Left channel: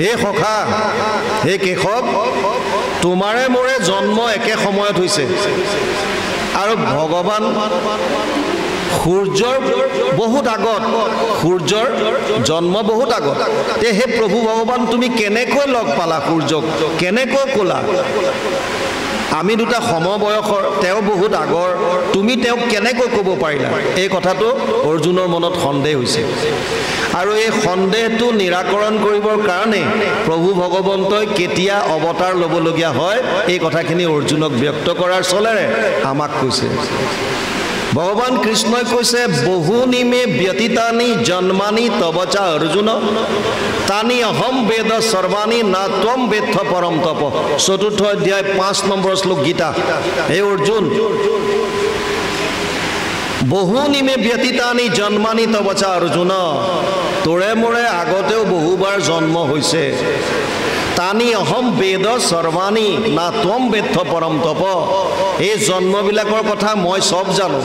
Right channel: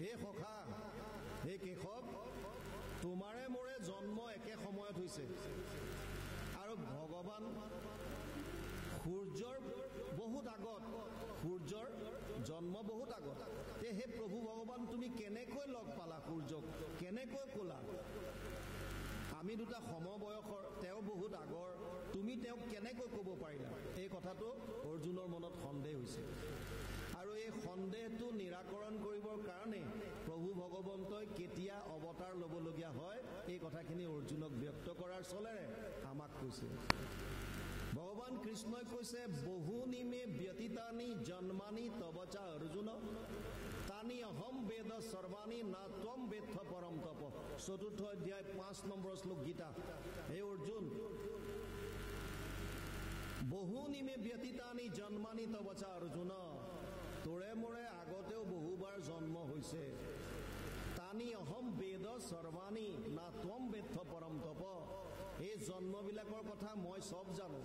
হে সখা হে কেশৱ তোমাৰে মোৰে জন্ম একে সময়ত হৈছে আৰু ভগৱান সূৰ্যৰ বহুত আগত সূৰ্যৰ জন্ম বহুত আগত তে হে প্ৰভু ভগৱান তুমি কেনেকৈ লগ পালা সূৰ্যক কেনেকৈ ক'লা আমি দুটা সমবয়সৰ তেওঁ বহুত আগৰ তুমি তেওঁক কেনেকৈ ক'ব পাৰিলা এই কথাটো অৰ্জুনৰ মনত সন্দেহ হৈছে আৰু এই সন্দেহটো নিৰাকৰণ কৰিবৰ কাৰণে প্ৰভু ভগৱন্তই কেতিয়া অৱতাৰ ল'বলগীয়া হয় এই কথাখিনি অৰ্জুনক ব্যক্ত কৰাৰ চলেৰে আমাক কৈছে ভগৱান কৃষ্ণই কৈছে বহুনিমে ব্যতীতানি জন্মানি তবচা অৰ্জুন তানি অহম বেদ সৰ্বাণি না ত্বম বেত্থ পৰম তপ চতুৰ্থ অধ্যায় 5 নম্বৰ শ্লোক গীতা হে অৰ্জুন বহুনিমে ব্যতীতানি জন্মানি তবচা অৰ্জুন তোৰে মোৰে আগতেও বহুবাৰ জন্ম হৈছে তানি অহম বেদ সৰ্বাণি না ত্বম বেত্থ পৰম তপ এই জন্মবিলাকৰ কথা মই সব জানো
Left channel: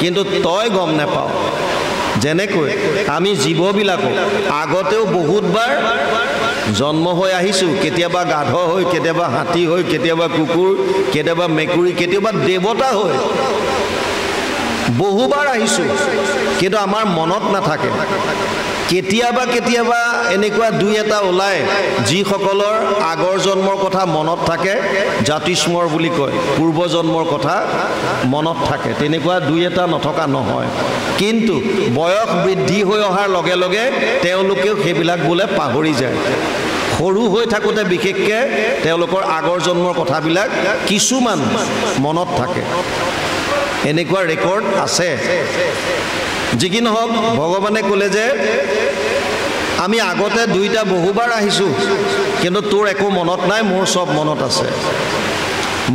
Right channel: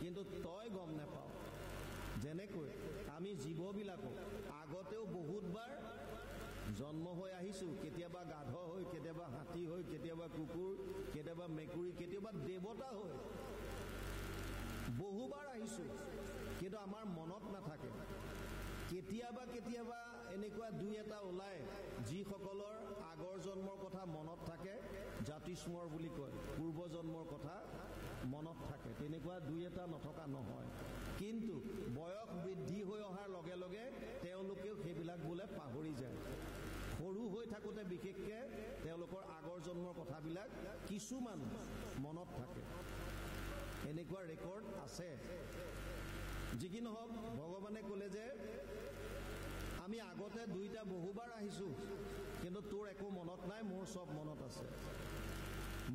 কিন্তু তই গম নাপাও যেনেকৈ আমি জীৱবিলাকো আগতেও বহুতবাৰ জন্ম হৈ আহিছো কেতিয়াবা গাধ হৈ কেতিয়াবা হাতী হৈ কেতিয়াবা কুকুৰ কেতিয়াবা মেকুৰী কেতিয়াবা দেৱতা হৈ বহুবাৰ আহিছো কিন্তু আমাৰ মনত নাথাকে কেতিয়াবা কেতিয়াবা এনেকুৱা দুই এটা ওলাই যিসকলৰ আগৰ জন্মৰ কথা মনত থাকে জাতিস্মৰ বুলি কয় পূৰ্ব জন্মৰ কথা মনত থাকে তেনেকুৱা দুই এটা নথকা নহয় কিন্তু বয়স বৃদ্ধি হৈ অহাৰ লগে লগে তেওঁলোকেও সেইবিলাক বোলে পাহৰি যায় সৰু হৈ থাকোতে বিশেষকৈ তেওঁলোকৰ আগৰ জন্মৰ কথাবিলাক কিছুমান মনত থাকে এনেকুৱা ৰেকৰ্ড আছে যি কি নহওক ভগৱানে ক'লে যে আমি আগতে দুইটা বহুবাৰ আহিছো কিন্তু তোৰ একো মনত নাই মোৰ সব মনত আছে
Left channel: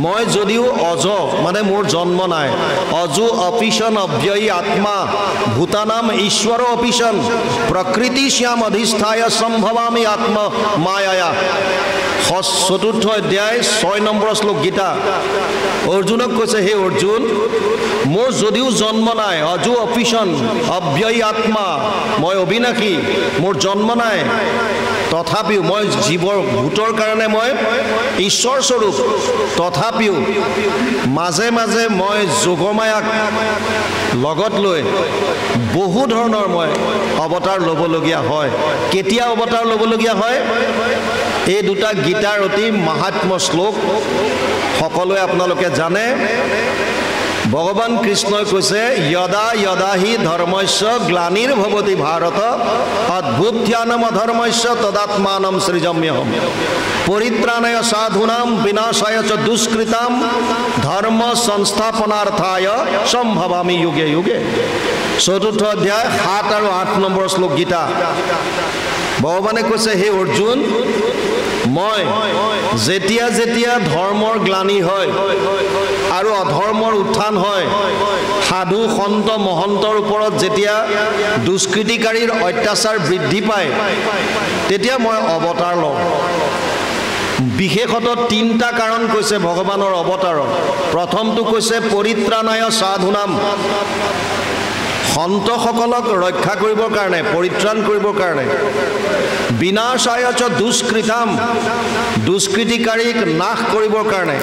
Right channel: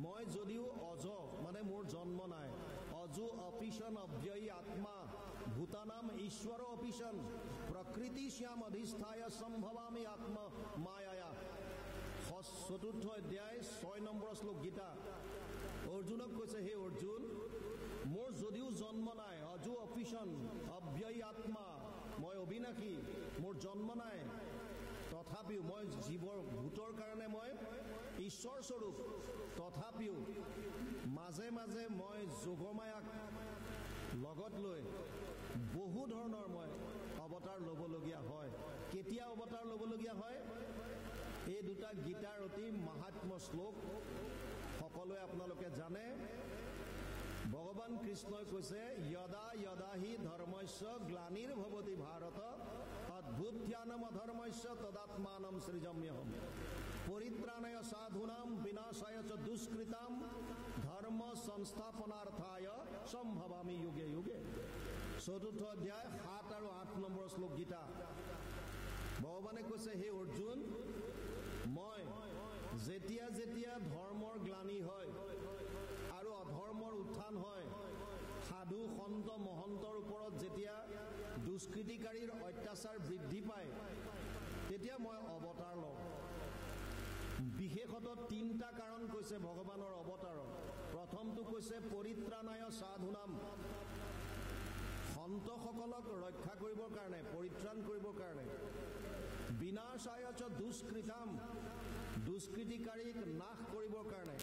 মই যদিও অজ মানে মোৰ জন্ম নাই অজু অপিশন অব্যয়ী আত্মা ভূতানাম ঈশ্বৰ অপিশন প্ৰকৃতি শ্যাম অধিষ্ঠায় সম্ভৱামি আত্ম মায়া চতুৰ্থ অধ্যায় 6 নম্বৰ শ্লোক গীতা অৰ্জুনক কৈছে হে অৰ্জুন মোৰ যদিও জন্ম নাই অজু অপিশন অব্যয়ী আত্মা মই অবিনাশী মোৰ জন্ম নাই তথাপিও মই জীৱৰ ভূতৰ কাৰণে মই ঈশ্বৰ স্বৰূপ তথাপিও মাজে মাজে মই যোগমায়াক লগত লৈ বহু ধৰণৰ মই অৱতাৰ ল'বলগীয়া হয় কেতিয়া অৱতাৰ ল'বলগীয়া হয় এই দুটা গীতাৰ অতি মাহাত্ম্য শ্লোক সকলোৱে আপোনালোকে জানে ভগৱান কৃষ্ণই কৈছে যদা যদা হি ধৰ্মস্য গ্লানিৰ্ভৱতি ভাৰত অদ্ভুত্যানম অধৰ্মস্য তদাত্মানম সৃজম্যহম পৰিত্ৰাণায় সাধূনাম বিনাশায় চ দুষ্কৃতাম ধৰ্ম সংস্থাপনাर्थाय সম্ভৱামি যুগে যুগে চতুৰ্থ অধ্যায় 7 আৰু 8 নম্বৰ শ্লোক গীতা ভগৱানে কৈছে হে অৰ্জুন মই যেতিয়া যেতিয়া ধৰ্মৰ গ্লানি হয় আৰু অধৰ্মৰ উত্থান হয় সাধু সন্ত মহন্তৰ ওপৰত যেতিয়া দুষ্কৃতিকাৰীৰ অত্যাচাৰ বৃদ্ধি পায় তেতিয়া মই অৱতাৰ লওঁ বিশেষত তিনটা কাৰণ কৈছে ভগৱানৰ অৱতাৰৰ প্ৰথমটো কৈছে পৰিত্ৰাণায় সাধুনাম সন্তসকলক ৰক্ষা কৰিবৰ কাৰণে পৰিত্ৰাণ কৰিবৰ কাৰণে বিনাশায় চ দুষ্কৃতাম দুষ্কৃতিকাৰীক নাশ কৰিবৰ কাৰণে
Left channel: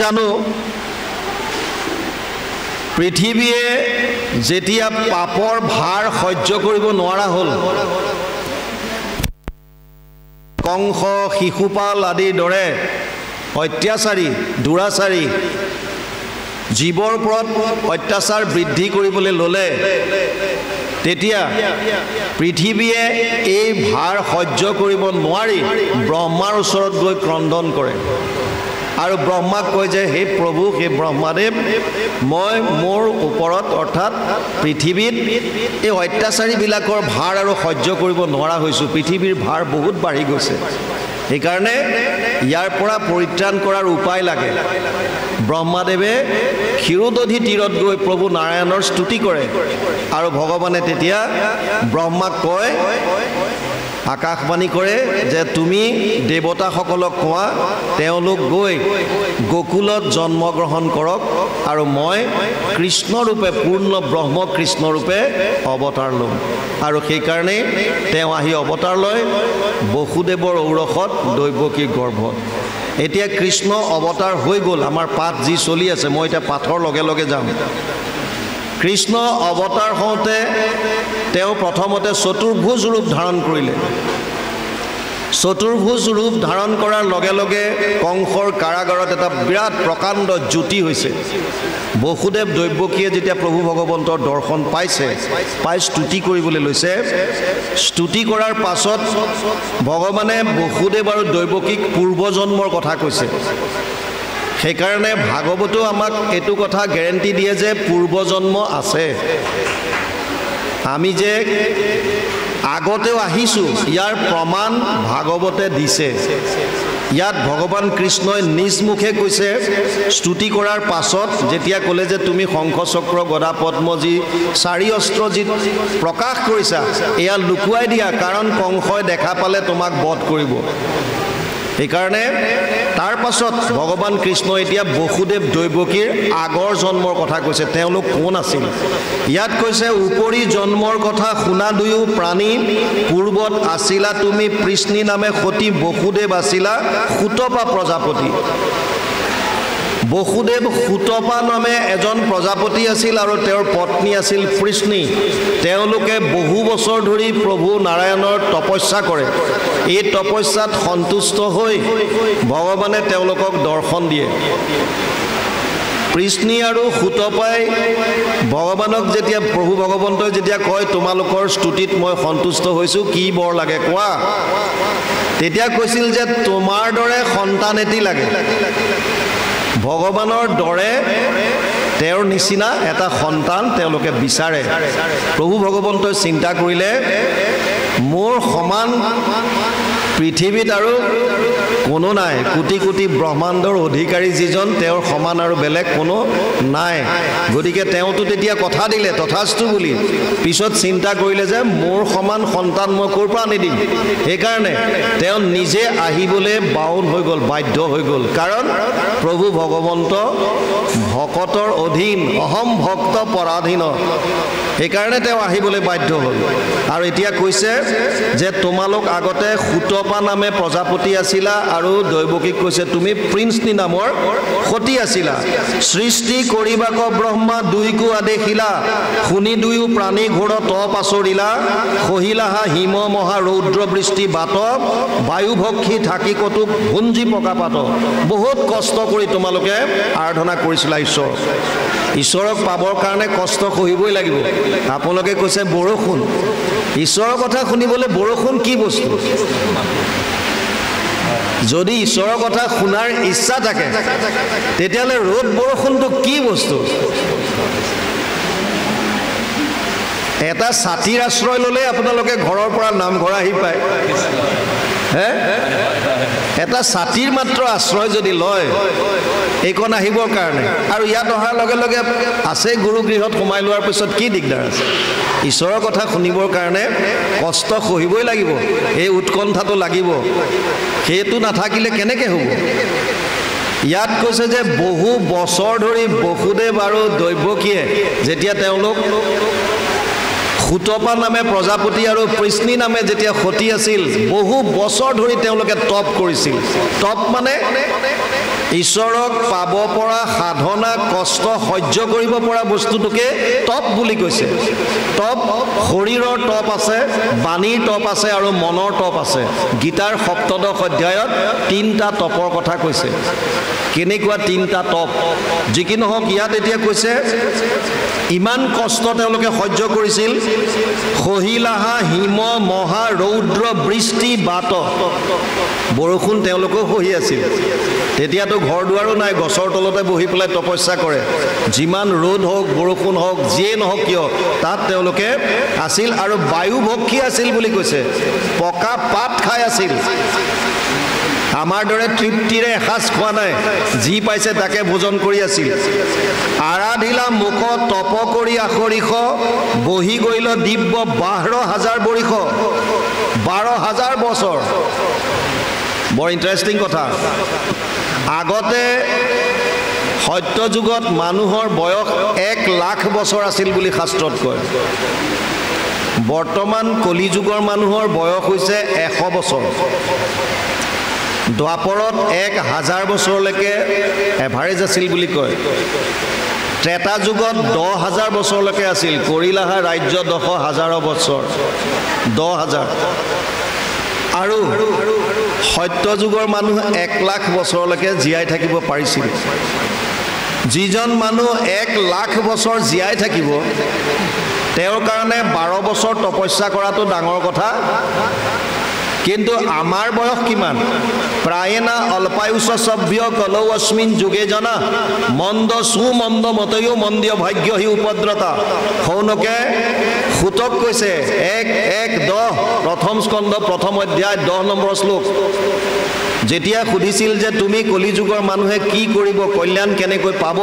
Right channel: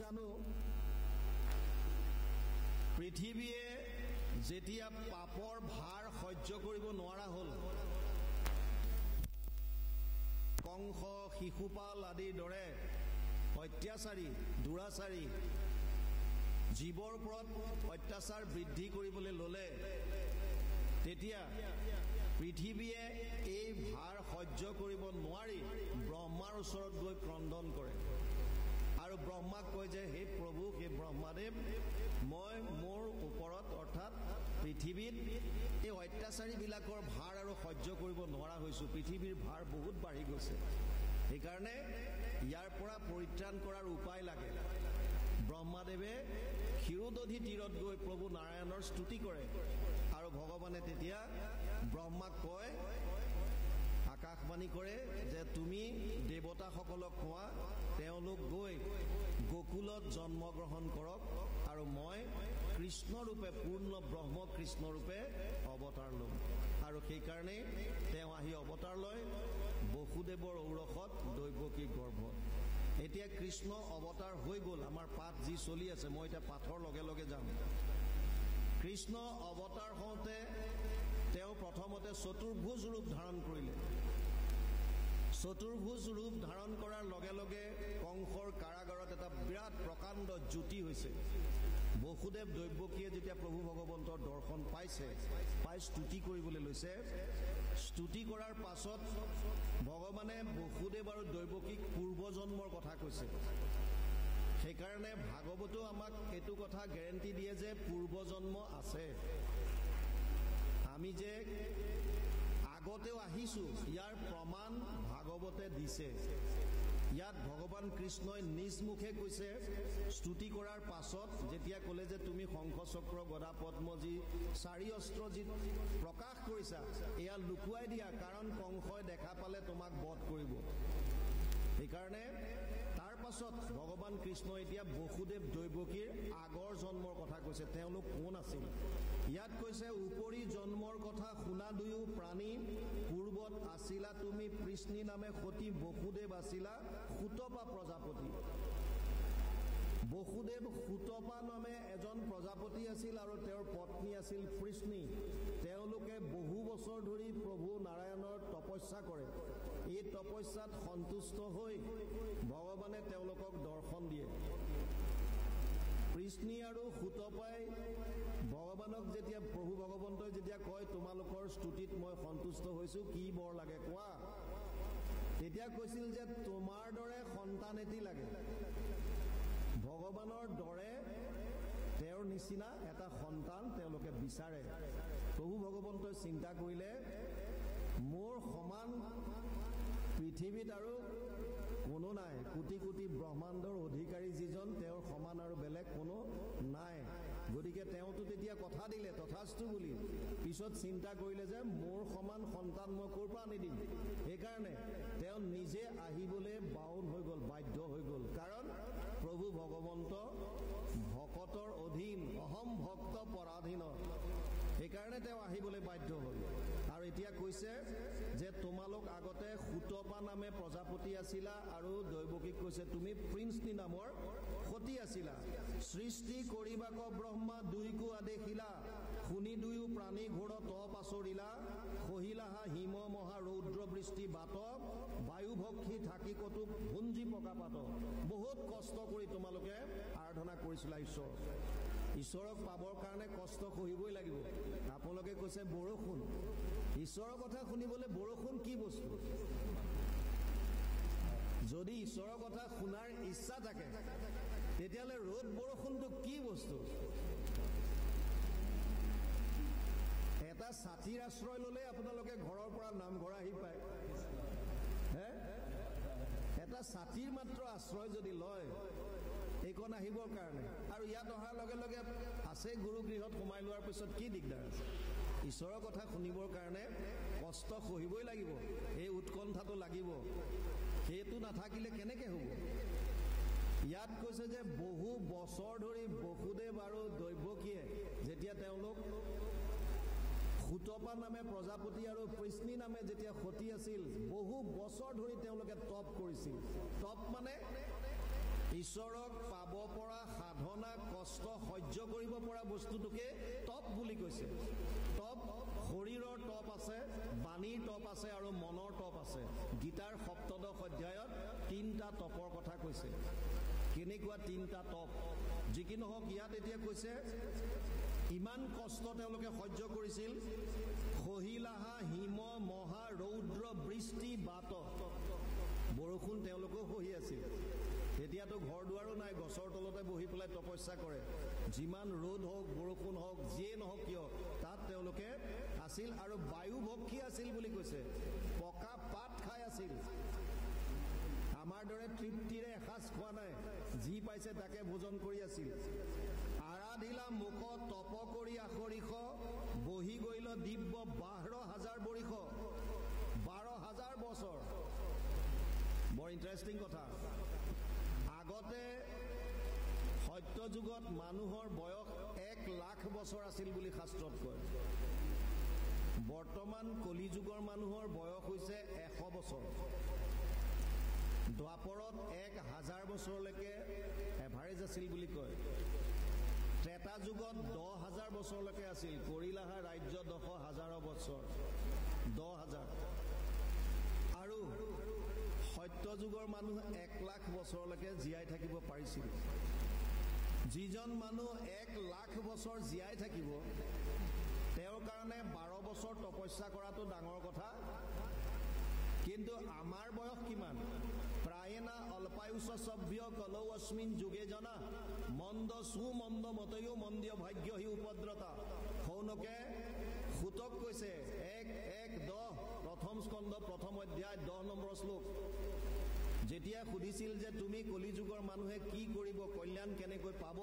জানো পৃথিৱীয়ে যেতিয়া পাপৰ ভাৰ সহ্য কৰিব নোৱাৰা হ'ল কংস শিশুপাল আদিৰ দৰে অত্যাচাৰী দুৰাচাৰী জীৱৰ ওপৰত অত্যাচাৰ বৃদ্ধি কৰিবলৈ ল'লে তেতিয়া পৃথিৱীয়ে এই ভাৰ সহ্য কৰিব নোৱাৰি ব্ৰহ্মাৰ ওচৰত গৈ ক্ৰন্দন কৰে আৰু ব্ৰহ্মাক কয় যে হে প্ৰভু হে ব্ৰহ্মাদেৱ মই মোৰ ওপৰত অৰ্থাৎ পৃথিৱীত এই অত্যাচাৰীবিলাকৰ ভাৰ আৰু সহ্য কৰিব নোৱাৰা হৈছোঁ পৃথিৱীৰ ভাৰ বহুত বাঢ়ি গৈছে সেইকাৰণে ইয়াৰ পৰা পৰিত্ৰাণ কৰাৰ উপায় লাগে ব্ৰহ্মাদেৱে ক্ষীৰোদধি তীৰত গৈ প্ৰভু নাৰায়ণৰ স্তুতি কৰে আৰু ভগৱানে তেতিয়া ব্ৰহ্মাক কয়, আকাশবাণী কৰে যে তুমি দেৱতাসকলক কোৱা তেওঁলোক গৈ গোকুলত জন্মগ্ৰহণ কৰক আৰু মই কৃষ্ণৰূপে পূৰ্ণ ব্ৰহ্ম কৃষ্ণৰূপে অৱতাৰ ল'ম। আৰু সেইকাৰণে তেওঁ আহি অৱতাৰ লয় বসুদেৱৰ ঔৰসত দৈৱকীৰ গৰ্ভত। এতিয়া কৃষ্ণ অৱতাৰ হৈ গ'ল। আমাৰ পাঠ যি চলি আছে, মই এতিয়া পাঠৰ লগে লগে যাম। কৃষ্ণ অৱতাৰ হওঁতে তেওঁ প্ৰথমতে চতুৰ্ভুজ ৰূপ ধাৰণ কৰিলে। চতুৰ্ভুজ ৰূপ ধাৰণ কৰাৰ লগে লগে কংসৰ কাৰাগাৰত এটা বিৰাট প্ৰকাণ্ড জ্যোতি হৈছে। বসুদেৱ দৈৱকীয়ে যেতিয়া প্ৰভু ভগৱন্তৰ দৰ্শন পাইছে, পাই স্তুতি কৰিবলৈ লৈছে, স্তুতি কৰাৰ পাছত ভগৱানে বসুদেৱ আৰু দৈৱকীক পূৰ্বজন্মৰ কথা কৈছে। সেইকাৰণে ভাগৱতো আমাক এইটো কথা গেৰেণ্টি দিয়ে যে পূৰ্বজন্ম আছে। আমি যে আগতেও আহিছোঁ ইয়াৰ প্ৰমাণ ভাগৱতে দিছে। ইয়াত ভগৱান কৃষ্ণই নিজ মুখে কৈছে, স্তুতি কৰাৰ পাছত যেতিয়া ক'লে যে তুমি শংখ চক্ৰ গদা পদ্ম যি 4 অস্ত্ৰ যি প্ৰকাশ কৰিছা এয়া লুকুৱাই দিয়া, কাৰণ কংসই দেখা পালে তোমাক বধ কৰিব। সেইকাৰণে তাৰ পাছত ভগৱান কৃষ্ণ এতিয়া বসুদেৱ দৈৱকীৰ আগৰ জন্মৰ কথা কৈছে, তেওঁলোক কোন আছিল। ইয়াত কৈছে, উপৰি জন্মৰ কথা শুনা দুয়ো প্ৰাণী, পূৰ্বত আছিলা তুমি পৃষ্ণী নামে সতী, বসুদেৱ আছিলা সুতপা প্ৰজাপতি। বসুদেৱ সুতপা নামে এজন প্ৰজাপতি আছিল আৰু তেওঁৰ পত্নী আছিল পৃষ্ণী। তেওঁলোকে বহু বছৰ ধৰি প্ৰভু নাৰায়ণৰ তপস্যা কৰে। এই তপস্যাত সন্তুষ্ট হৈ ভগৱানে তেওঁলোকক দৰ্শন দিয়ে। পৃষ্ণী আৰু সুতপাই ভগৱানক যেতিয়া প্ৰভু ভগৱন্তই যেতিয়া কয় তোমালোকৰ স্তুতিত মই সন্তুষ্ট হৈছোঁ, কি বৰ লাগে কোৱা, তেতিয়া কৈছিল যে তোমাৰ দৰে সন্তান এটি লাগে। ভগৱানৰ দৰে তেওঁৰ নিচিনা এটা সন্তান তেওঁলোকে বিচাৰে। প্ৰভু ভগৱন্তই চিন্তা কৰিলে, মোৰ সমান পৃথিৱীত আৰু কোনো নাই, কোটি কোটি ব্ৰহ্মাণ্ডৰ অধিকাৰী যিজন তেওঁৰ সমান আৰু বেলেগ কোনো নাই। গতিকে তেওঁতো তেতিয়া কথা দিলে তথাস্তু বুলি। পিছত চিন্তা কৰিলে যে মোৰ সমান সন্তান মই ক'ৰ পৰা আনি দিম। সেইকাৰণে তেওঁ নিজে আহিবলৈ বাউন হৈ গ'ল, বাধ্য হৈ গ'ল। কাৰণ প্ৰভু ভগৱন্ত ভকতৰ অধীন, অহম ভক্ত পৰাধীন। সেইকাৰণে তেওঁ আহিবলৈ বাধ্য হ'ল। আৰু এতিয়া কৈছে যে তোমালোক আগতে সুতপা নামে প্ৰজাপতি আছিলা, আৰু দৈৱকীক কৈছে তুমি পৃষ্ণী নামৰ সতী আছিলা। সৃষ্টি কৰিবাক ব্ৰহ্মা দুইকো আদেশিলা, শুনি দুয়ো প্ৰাণী ঘোৰ তপ আচৰিলা, সহিলাহা হিম মহা ৰৌদ্ৰ বৃষ্টি বাত, বায়ুভক্ষী থাকি কতো ভুঞ্জি পকাপাত। বহুত কষ্ট কৰি তোমালোকে আৰাধনা কৰিছিলা ঈশ্বৰ। ঈশ্বৰক পাবৰ কাৰণে কষ্ট সহিবই লাগিব। আপোনালোকে কৈছে বৰষুণ, ঈশ্বৰৰ কথা শুনিবলৈ বৰষুণ কি বস্তু? যদি ঈশ্বৰৰ কথা শুনাৰ ইচ্ছা থাকে তেতিয়াহ'লে ৰ'দ বৰষুণটো কি বস্তু? এটা ছাতিৰ আশ্ৰয় ল'লে আপোনালোকে ঘৰৰ পৰা নামঘৰ আহি পায়। এটা ছাতিৰ মাত্ৰ আশ্ৰয় যদি লয় এইকণ আহিবৰ কাৰণে, আৰু ইয়াত অহাৰ লগে লগে আছে গুৰুগৃহত সোমাই লোৱাৰ পিছত কি দিগদাৰ আছে? ঈশ্বৰৰ কথা শুনিবৰ কাৰণে কষ্ট সহিবই লাগিব, এই উৎকণ্ঠাটো লাগিব। সেইটো নাথাকিলে কেনেকৈ হ'ব? ইয়াত কৈছে যে বহু বছৰ ধৰি বসুদেৱ আৰু দৈৱকীয়ে যেতিয়া তেওঁলোক সুতপা নামে প্ৰজাপতি আৰু পৃষ্ণী নামে যেতিয়া সতী আছিল, বহু বছৰ ধৰি তেওঁলোকে তপ কৰিছিল। তপ মানে ঈশ্বৰক পাব পৰা সাধনা, কষ্ট সহ্য কৰিব পৰা বস্তুটোকে তপ বুলি কৈছে। তপ শৰীৰৰ তপ আছে, বাণীৰ তপ আছে আৰু মনৰ তপ আছে। গীতাৰ ৭ম অধ্যায়ত 3টা তপৰ কথা কৈছে। কেনেকুৱা 3টা তপ? যি কি নহওক, ইয়াত এতিয়া কৈছে ইমান কষ্ট তেওঁলোকে সহ্য কৰিছিল। সহিলাহা হিম মহা ৰৌদ্ৰ বৃষ্টি বাত, বৰষুণ তেওঁলোকেও সহি আছিল। তেতিয়াতো ঘৰ দুৱাৰো নাই, গছৰ তলতে বহি পেলাই তপস্যা কৰে। যিমান ৰ'দ হওক বৰষুণ হওক যিয়ে নহওক কিয় তাত তেওঁলোকে আছিল। আৰু বায়ুভক্ষী আছিল বুলি কৈছে, পকা পাত খাই আছিল। আমাৰ দৰে তৃপ্তিৰে এসাঁজ খোৱা নাই, যি পাইছে তাকে ভোজন কৰি আছিল। আৰাধিলা মুখ তপ কৰি আখৰিষ, বহি গৈল দিব্য 12,000 বৰিষ। 12,000 বছৰ। বৰ ইণ্টাৰেষ্টিং কথা। আগতে সত্য যুগত মানুহৰ বয়স 1 লাখ বছৰ আছিল বুলি শাস্ত্ৰত কয়। বৰ্তমান কলি যুগৰ মানুহৰ বয়স হৈছে 100 বছৰ। দ্বাপৰত 1000 বছৰলৈকে এভাৰেজ আছিল বুলি কয়। ত্ৰেতা যুগত 10,000 বছৰলৈকে আছিল। কৰিলাহা ৰাজ্য 10,000 বছৰ, 10,000। আৰু সত্য যুগৰ মানুহ 1 লাখ বছৰলৈকে জীয়াই থাকিব পাৰিছিল। যিজন মানুহ 1 লাখ বছৰ জীয়াই থাকিব, তেওঁৰ কাৰণে 12 বছৰ তপস্যা কৰাটো ডাঙৰ কথা। কিন্তু আমাৰ বয়স কিমান? প্ৰায়েনা অল্পায়ুষ সভ্য কলৌ অস্মিন যুগে জনা, মন্দ সুমন্দ মতয়ো মন্দীয় ভাগ্য হি উপদ্ৰতা। সৌনকে সুতক কৈছে 1:10 প্ৰথম স্কন্ধ প্ৰথম অধ্যায় 10 নম্বৰ শ্লোক। যেতিয়া সুধিছিল যে তুমি কলিযুগৰ মানুহে কি কৰিব, কল্যাণ কেনেকৈ পাব,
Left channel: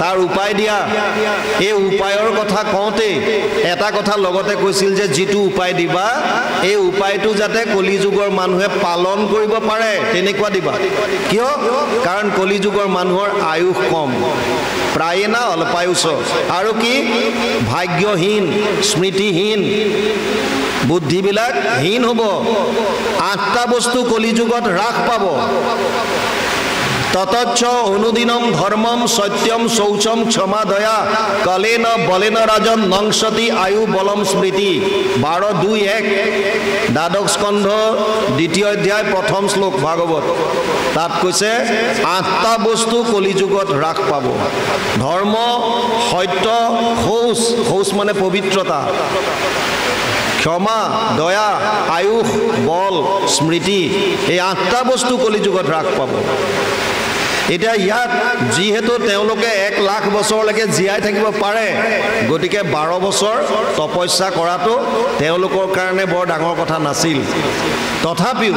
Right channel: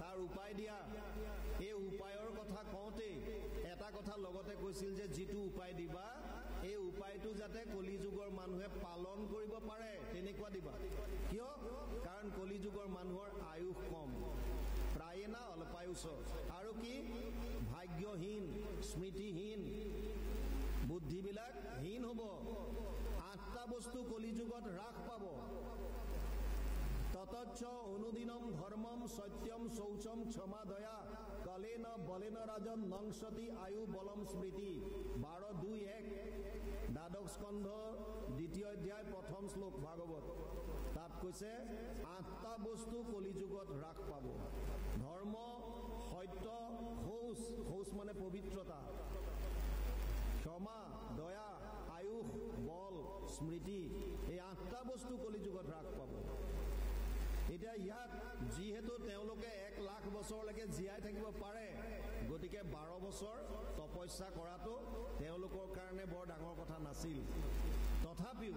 তাৰ উপায় দিয়া, এই উপায়ৰ কথা কওঁতে এটা কথা লগতে কৈছিল যে যিটো উপায় দিবা, এই উপায়টো যাতে কলিযুগৰ মানুহে পালন কৰিব পাৰে তেনেকুৱা দিবা। কিয়? কাৰণ কলিযুগৰ মানুহৰ আয়ুস কম, প্ৰায়েনা অল্পায়ুষ। আৰু কি? ভাগ্যহীন, স্মৃতিহীন, বুদ্ধিবিলাক হীন হ'ব। 8টা বস্তু কলিযুগত হ্ৰাস পাব। ততচ্ছ অনুদিনম ধৰ্মম সত্যম শৌচম ক্ষমা দয়া কলেন বলেন ৰাজন নংসতি আয়ু বলম স্মৃতি। 12:2:1 দ্বাদশ স্কন্ধ 2য় অধ্যায় 1ম শ্লোক ভাগৱত। তাত কৈছে 8টা বস্তু কলিযুগত হ্ৰাস পাব। ধৰ্ম, সত্য, শৌচ, শৌচ মানে পবিত্ৰতা, ক্ষমা, দয়া, আয়ুষ, বল, স্মৃতি, এই 8টা বস্তু কলিযুগত হ্ৰাস পাব। এতিয়া ইয়াত যিহেতু তেওঁলোকে 1 লাখ বছৰলৈকে জীয়াই থাকিব পাৰে, গতিকে 12 বছৰ তপস্যা কৰাটো তেওঁলোকৰ কাৰণে বৰ ডাঙৰ কথা নাছিল। তথাপিও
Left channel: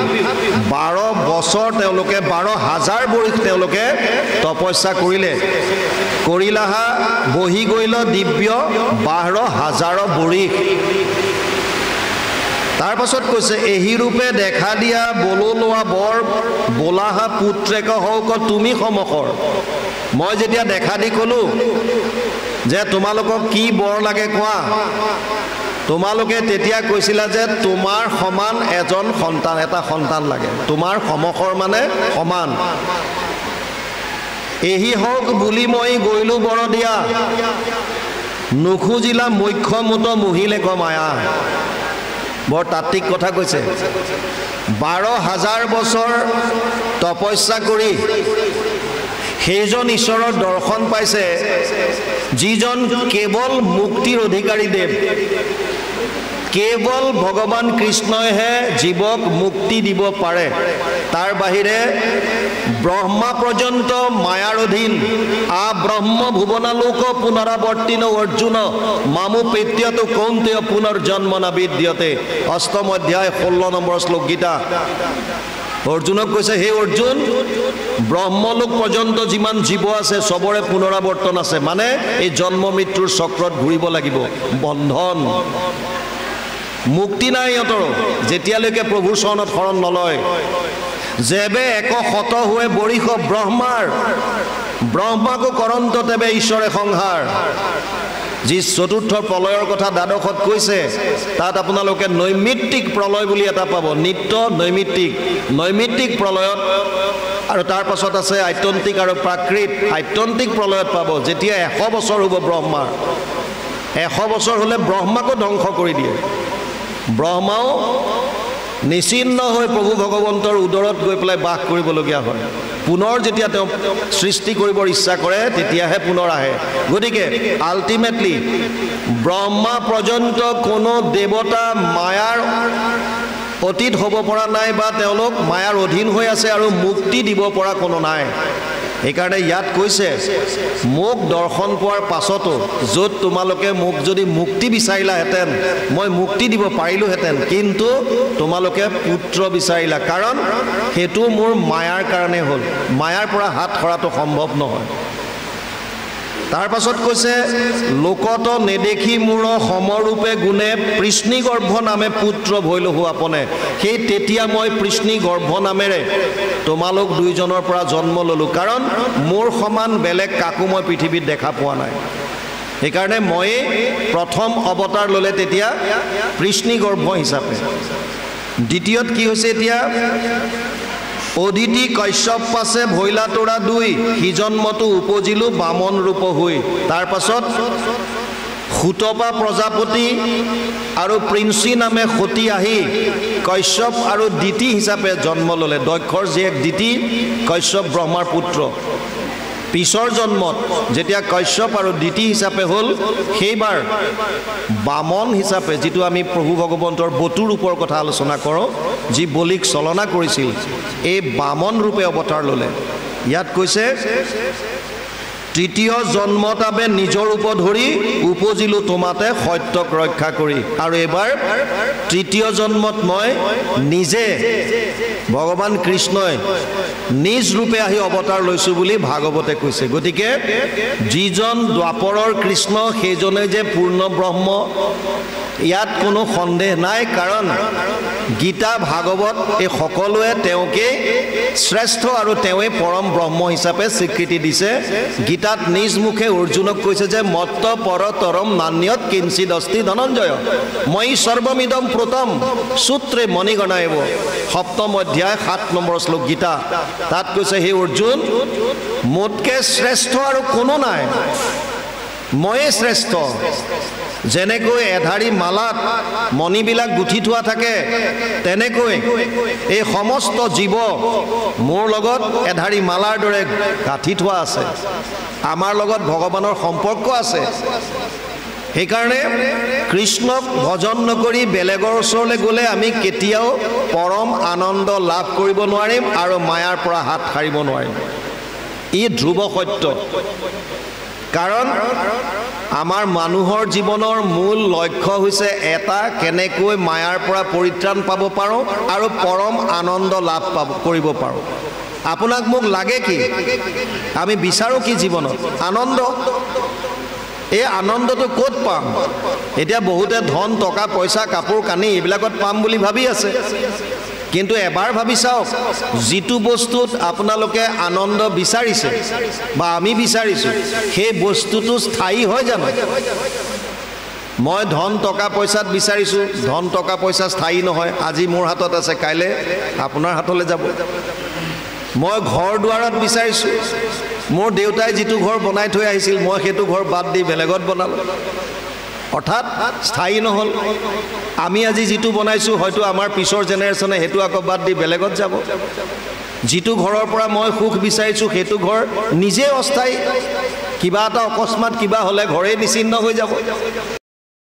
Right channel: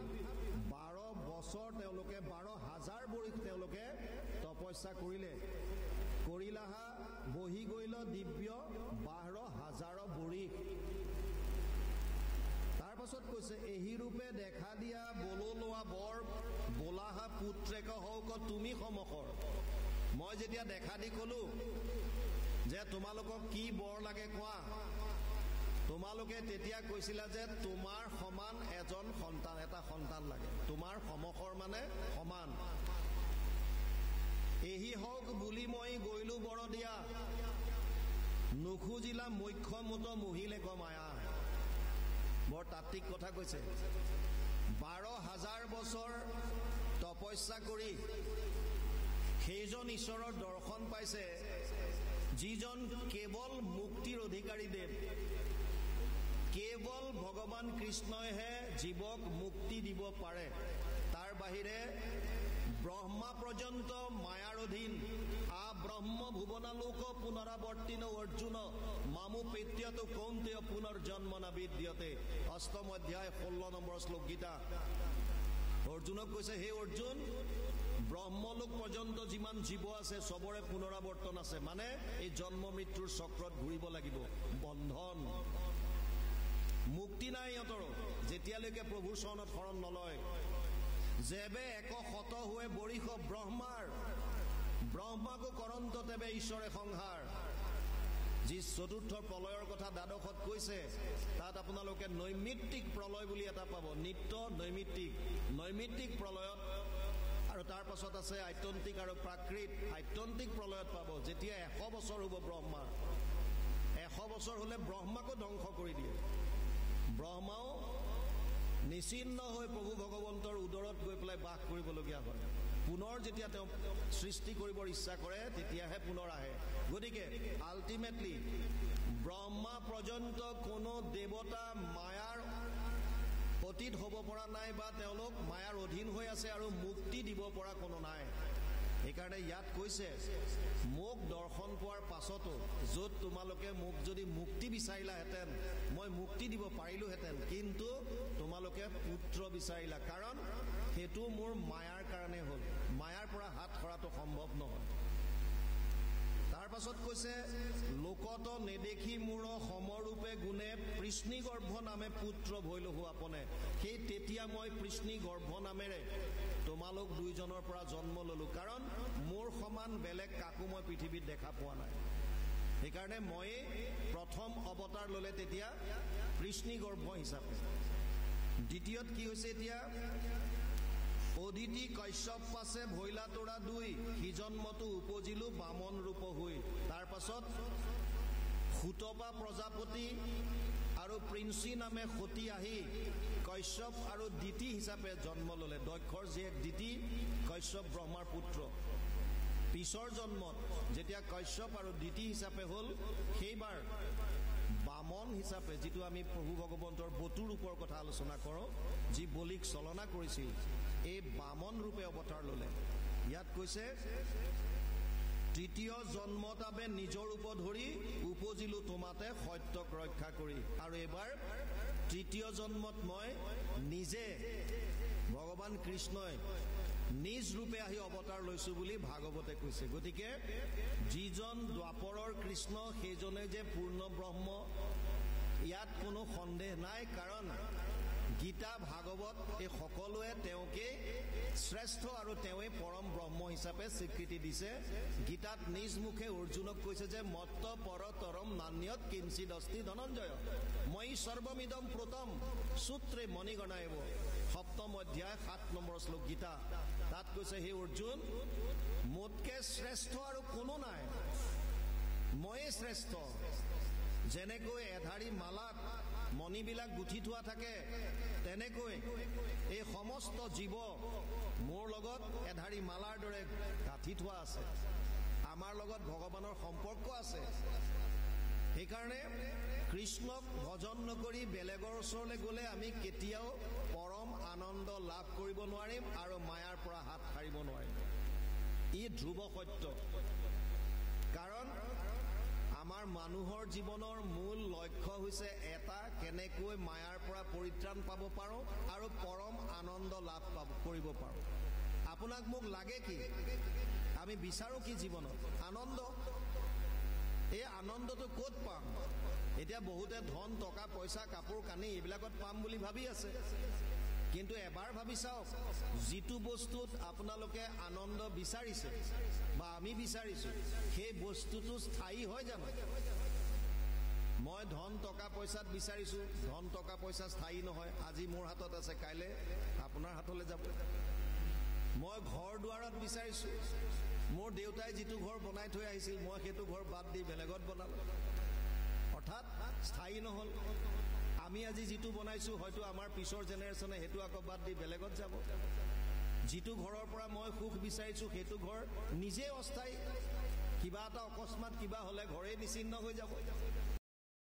12 বছৰ তেওঁলোকে 12,000 বৰিষ তেওঁলোকে তপস্যা কৰিলে। কৰিলাহা বহি গৈল দিব্য 12,000 বৰিষ। তাৰ পাছত কৈছে এহি ৰূপে দেখা দিয়া বলো লোৱা বৰ বোলাহা পুত্ৰেক হওক তুমি সমকৰ। মই যেতিয়া দেখা দি ক'লো যে তোমালোকক কি বৰ লাগে কোৱা, তোমালোকে তেতিয়া কৈছিলা যে তোমাৰ সমান এজন সন্তান, এটা সন্তান লাগে। তোমাৰ সমকৰ মানে সমান। এহি হওক বুলি মই গৈলো বৰ দিয়া, নুখুজিলা মুখ্য মুত মুহিলে ক মায়া। বৰ তাত্ত্বিক কথা কৈছে। 12,000 বছৰ তপস্যা কৰি সেইজন ঈশ্বৰৰ দৰ্শন পাইছে যিজন কেৱল মুক্তিৰ অধিকাৰী দেৱ। কেৱল ভগৱান কৃষ্ণইহে জীৱক মুক্তি দিব পাৰে। তাৰ বাহিৰে ব্ৰহ্মা পৰ্যন্ত মায়াৰ অধীন। ব্ৰহ্ম ভুৱনালোক পুনৰাৱৰ্তিন অৰ্জুন মামু পেত্যতো কৌন্তেয় পুনৰ্জন্ম ন বিদ্যতে। 8ম অধ্যায় 16 নম্বৰ শ্লোক গীতা। অৰ্জুনক কৈছে, হে অৰ্জুন, ব্ৰহ্মলোক পৰ্যন্ত যিমান জীৱ আছে চবৰে পুনৰাৱৰ্তন আছে, মানে এই জন্ম মৃত্যুৰ চক্ৰত ঘূৰিব লাগিব। বন্ধন, মুক্তি নাই সিহঁতৰ যেতিয়ালৈকে প্ৰভুৰ চৰণত শৰণ নলয়। যেবে এক শত হুৱে বৰিষ ব্ৰহ্মাৰ, ব্ৰহ্মাকো কৰন্ত তেবে ঈশ্বৰে সংহাৰ। যি চতুৰ্থ প্ৰলয়ৰ কথা দ্বাদশত কৈছে, তাত আপোনালোকে নৈমিত্তিক প্ৰলয় বুলি এটা পাব। নিত্য নৈমিত্তিক, নৈমিত্তিক প্ৰলয়ত, আৰু তাৰ পাছত আছে আত্যন্তিক আৰু প্ৰাকৃত। আত্যন্তিক প্ৰলয়ত পাব যেতিয়া 100 বছৰ হ'ব ব্ৰহ্মাৰ। 100 বছৰ হ'লে ব্ৰহ্মাকো ধ্বংস কৰি দিয়ে। ব্ৰহ্মাও নিচিন্ন হৈ প্ৰভু ভগৱন্তৰ উদৰত গৈ পেলাই বাস কৰিবলগীয়া হয়। পুনৰ যেতিয়া তেওঁ সৃষ্টি কৰিবৰ ইচ্ছা কৰে তেতিয়াহে পুনৰ আহে। গতিকে আল্টিমেটলি ব্ৰহ্মা পৰ্যন্ত কোনো দেৱতা মায়াৰ অতীত হ'ব পৰা নাই, বা তেওঁলোক মায়াৰ অধীন হৈ আছে আৰু মুক্তি দিব পৰা কোনো নাই। সেইকাৰণে ইয়াত কৈছে মোক দৰ্শন পোৱাৰ পাছতো য'ত তোমালোকে মোক যদি মুক্তি বিচাৰিলাহেঁতেন মই মুক্তি দিব পাৰিলোহেঁতেন, কিন্তু তোমালোকে পুত্ৰ বিচাৰিলা, কাৰণ সেইটো মোৰ মায়াৰ কাৰণে হ'ল। মায়াৰ পৰা হাত সৰাটো সম্ভৱ নহয়। তাৰ পাছত কৈছে লোকত নেদেখি মোৰ সমৰূপে গুণে পৃষ্ণি গৰ্ভ নামে পুত্ৰ ভৈলহু আপনে। সেই তেতিয়া মই পৃষ্ণি গৰ্ভ নামেৰে তোমালোক দুইজনৰ পৰা জন্ম ল'লোঁ, কাৰণ মোৰ সমান বেলেগ কাকো মই পৃথিৱীত দেখা পোৱা নাই। সেইকাৰণে ময়ে প্ৰথম অৱতাৰ ল'লে তেতিয়া পৃষ্ণি গৰ্ভ হিচাপে। দ্বিতীয়ত কি হৈছে এতিয়া অদিতি কশ্যপ পাছে ভৈলা তোৰা দুই সিজন্মতো উপজিলো বামন ৰূপ হৈ। তাৰ পাছত সুতপা প্ৰজাপতি আৰু প্ৰিন্সি নামে সতী আহি কশ্যপ আৰু দিতি হিচাপে জন্ম ল'লে। দক্ষৰ জীয়েক দিতি কশ্যপ ব্ৰহ্মাৰ পুত্ৰ। পিছৰ জন্মত যেতিয়া কশ্যপ আৰু দিতি হিচাপে হ'ল, সেইবাৰ বামন হিচাপে, যিটো আমি প্ৰভু ভগৱন্তৰ বটু ৰূপৰ কথা আলোচনা কৰোঁ, যি বলিক চলনা কৰিছিল, এই বামন ৰূপে অৱতাৰ ল'লে। ইয়াত কৈছে তৃতীয় জন্মত আবে নিজৰ ৰূপ ধৰি উপজিলো তোমাতে সত্যক ৰক্ষা কৰি। আৰু এইবাৰ তৃতীয় জন্মত মই নিজে ভগৱান কৃষ্ণই নিজ ৰূপে আহি অৱতাৰ লৈছোঁ বুলি ভাগৱতে কৈছে। গতিকে যিজন দ্বাপৰৰ কৃষ্ণ সেইজনে যে পূৰ্ণ ব্ৰহ্ম, ইয়াত কোনো সন্দেহ নাই, কাৰণ গীতা ভাগৱত এই সকলোৱে তেওঁকে শ্ৰেষ্ঠ আৰু তেওঁৱে পৰম ব্ৰহ্ম হিচাপে স্বীকৃতি দিছে। গীতাত নিজ মুখে অৰ্জুনক কৈছে যে মত্ত পৰতৰম নান্যত কিঞ্চিদ অস্তি ধনঞ্জয় মই সৰ্বমিদম প্ৰোতম সূত্ৰে মণিগণায়ব। সপ্তম অধ্যায় 7 নম্বৰ শ্লোক গীতা। তাত কৈছে হে অৰ্জুন, মোতকৈ শ্ৰেষ্ঠ আৰু কোনো নাই, ময়ে শ্ৰেষ্ঠ। যেনেকৈ এধাৰী মালাত মণিবিলাক গুঠি থোৱা থাকে, তেনেকৈ এই সমস্ত জীৱ মোৰ লগত এধাৰী মালাৰ দৰে গাঁঠি থোৱা আছে। আমাৰ লগত ভগৱানৰ সম্পৰ্ক আছে। সেইকাৰণে কৃষ্ণক ভজন নকৰি বেলেগৰ ওচৰলৈ গ'লে আমি কেতিয়াও পৰম আনন্দ লাভ কৰিব নোৱাৰিম আৰু মায়াৰ পৰা হাত সাৰিব নোৱাৰিম। ই ধ্ৰুৱ সত্য। কাৰণ আমাৰ মানুহৰ জীৱনৰ মূল লক্ষ্য হৈছে এটা, কেনেকৈ মায়াৰ পৰা পৰিত্ৰাণ পাব পাৰোঁ আৰু পৰম আনন্দ লাভ কৰিব পাৰোঁ। আপোনাক মোক লাগে কি? আমি বিচাৰোঁ কি জীৱনত? আনন্দ। এই আনন্দটো ক'ত পাম? এতিয়া বহুতে ধন টকা পইচা কাপোৰ কানি এইবিলাকত পাম বুলি ভাবি আছে, কিন্তু এবাৰ ভাবি চাওক, যিটো বস্তুত আপোনালোকে আনন্দ বিচাৰিছে বা আমি বিচাৰিছোঁ, সেই বস্তুটো স্থায়ী হয় জানো? মই ধন টকা পইচাত বিচাৰিছোঁ, ধন টকা পইচা স্থায়ী নহয়। আজি মোৰ হাতত আছে, কাইলৈ আপোনাৰ হাতলৈ যাব। মই ঘৰ দুৱাৰত বিচাৰিছোঁ, মোৰ দেউতাই যিটো ঘৰ বনাই থৈ আহিছিল, মই সেইটো ঘৰ বাদ দি বেলেগত বনালোঁ, অৰ্থাৎ স্থায়ী নহ'ল। আমি আজি যিটো বনাইছোঁ, হয়তো আমাৰ পিছৰ জেনেৰেশ্যনে সেইটো আকৌ বাদ দি বেলেগত যাব। যিটো ঘৰৰ পৰা মই সুখ বিচাৰিছোঁ, সেইটো ঘৰ নিজে অস্থায়ী। কিবা এটা অকস্মাত কিবা হ'লে ঘৰেই নিচিন্ন হৈ যাব।